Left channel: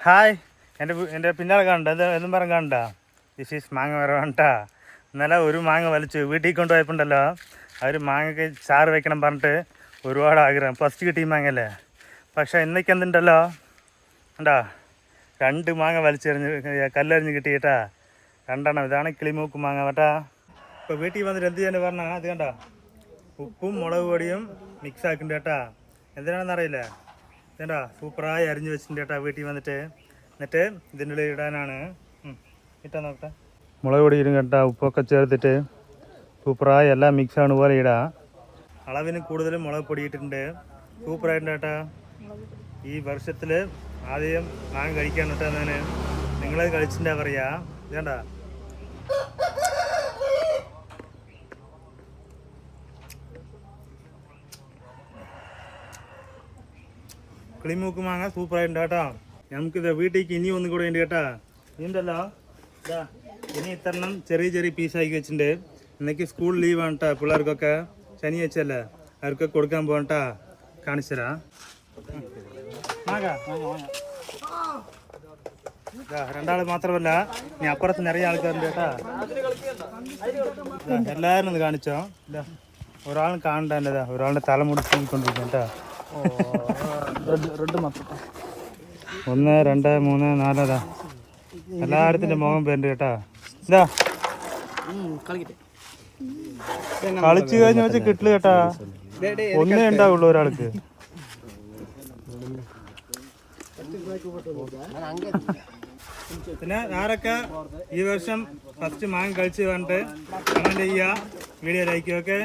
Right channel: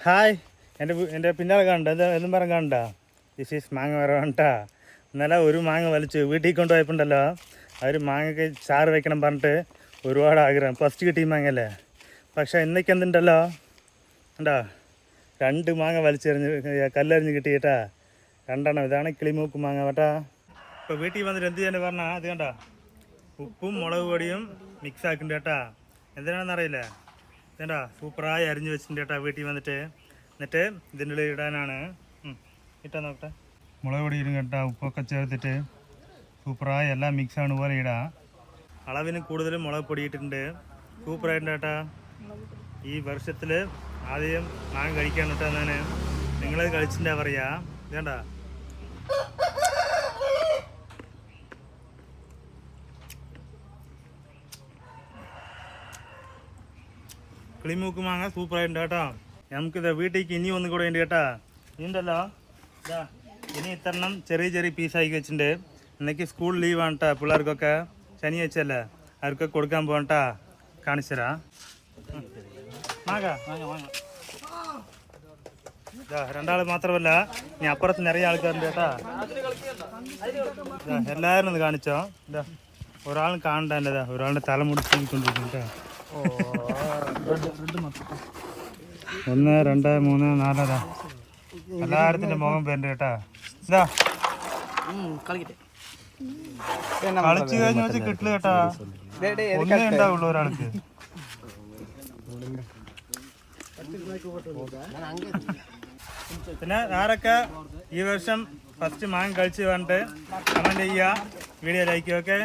Hi എന്റെ എന്റെ പിന്നാലെ കാണണ്ട എന്താ പറഞ്ഞ കാണണ്ട ദിസ് ഈസ് മാങ്ങ വരവാണ്ടാ. ഇന്നലെ ഒരു മാങ്ങ വലിച്ചു. വീട്ടിൽ കൊണ്ടുപോയപ്പോണ്ടല്ലോ. അവർ മാങ്ങയ്ക്ക് ചാറ് വെക്കണം പറഞ്ഞിട്ട് ഒരുപാട് ആഗ്രഹം. ഫസ്റ്റ് കിട്ടി മാങ്ങല്ലേ പക്ഷേ ഇന്നേക്ക് എന്തുണ്ടല്ലോ? കണ്ടാ? രണ്ട് മാങ്ങ വലിച്ചെറിഞ്ഞ് കല്ലെറിഞ്ഞ് കിട്ടിയിട്ടാ രണ്ടെണ്ണം. ഇതാണ് കിളിമൂക്ക് മാങ്ങ കേട്ടാ. ഇപ്പോൾ വീട്ടിൽ വന്നിട്ട് എന്ത് ചെയ്യാൻ പറഞ്ഞാൽ അത് കണ്ട? ഉപ്പും മുളക് പൊടിയും മിക്സ് ആക്കുന്നുണ്ട് കേട്ടാ. എന്തിനാണെന്ന് അറിയില്ല ഇതേണ്ടാ സൂപ്പറായി അരിഞ്ഞ് വെച്ചിട്ടുണ്ട് കേട്ടാ വീട്ടിൽ വന്നിട്ട്. എന്നിട്ട് ഇതിന്റെ ഉള്ളിൽ ഇടാനാണ് ഇട്ടാ നോക്കട്ടെ. മുളക് പൊടി ഇടും കേട്ടാ ഉപ്പൊക്കെ ചേർത്തിട്ട്. സൂപ്പറായി എല്ലാം മിക്സ് ആണ് പോലെ ഇടാം. അളവിന് കൂടുതലും മുളക് പൊടി ഇട്ടിട്ടുണ്ട്. സൂപ്പറായിട്ടുണ്ട് കേട്ടാ. ഈ വർഷത്തിൽ ആദ്യം ഞാൻ കഴിക്കാൻ കേട്ടോ ഞാൻ നിങ്ങളത് കഴിച്ചിട്ടുണ്ടാ പറയാ. ഇതേണ്ട കിളിമൂക്ക് മാങ്ങ സൂപ്പറായിട്ടുണ്ട് കേട്ടോ. നമുക്കിത് വീട്ടിലേക്ക് ഇനി ഒന്നും കൂടെ ഉണ്ട് കേട്ടാ. ഇനിയുണ്ടല്ലോ. ഇതാ ഇനി ഇത്തരണം ചെറിയ ചെറിയ പീസാക്കി വെച്ചിട്ടുണ്ട്. ഇന്നേക്ക് സ്കൂൾ ലീവാണ് കേട്ടോ പിള്ളേർക്കൊക്കെ. ശനിയാഴ്ചയല്ലേ അവർക്കൊക്കെ കൊടുക്കാൻ പോകണ്ടാ കാണിച്ചരാ മാങ്ങ ഇതാ രണ്ടാൾ മാത്രമല്ല ഇനി അപ്പുറത്ത് നിറയെ ആൾക്കാരുണ്ട് കേട്ടാ. എല്ലാവരും ഒന്ന് കാണിച്ചോ. ഇതാ ഒരാളും കാണണ്ട ഒരാളുടെ തലമുടി തൂങ്ങിക്കൊണ്ടിരിക്കും കേട്ടോ ഒന്ന് രണ്ട് മൂന്ന് നാല് എല്ലാരത്തിന്റെ എല്ലായിരത്തിന്റെ പെൻഡ് പേരുണ്ട് കേട്ടാ. ഇതാ. കളിച്ചു കഴിഞ്ഞ വെച്ച് കിട്ടില്ല കേട്ടാ. ഒന്നേ ഉണ്ടാവുള്ളൂ ഒരാൾക്ക്. പിന്നെ ആരൊക്കെ ഈ വർഷം ഫസ്റ്റ് മാങ്ങ കഴിച്ച് കണ്ട് കമന്റ് ചെയ്യുക വീഡിയോ ലൈക്ക് ഓക്കെ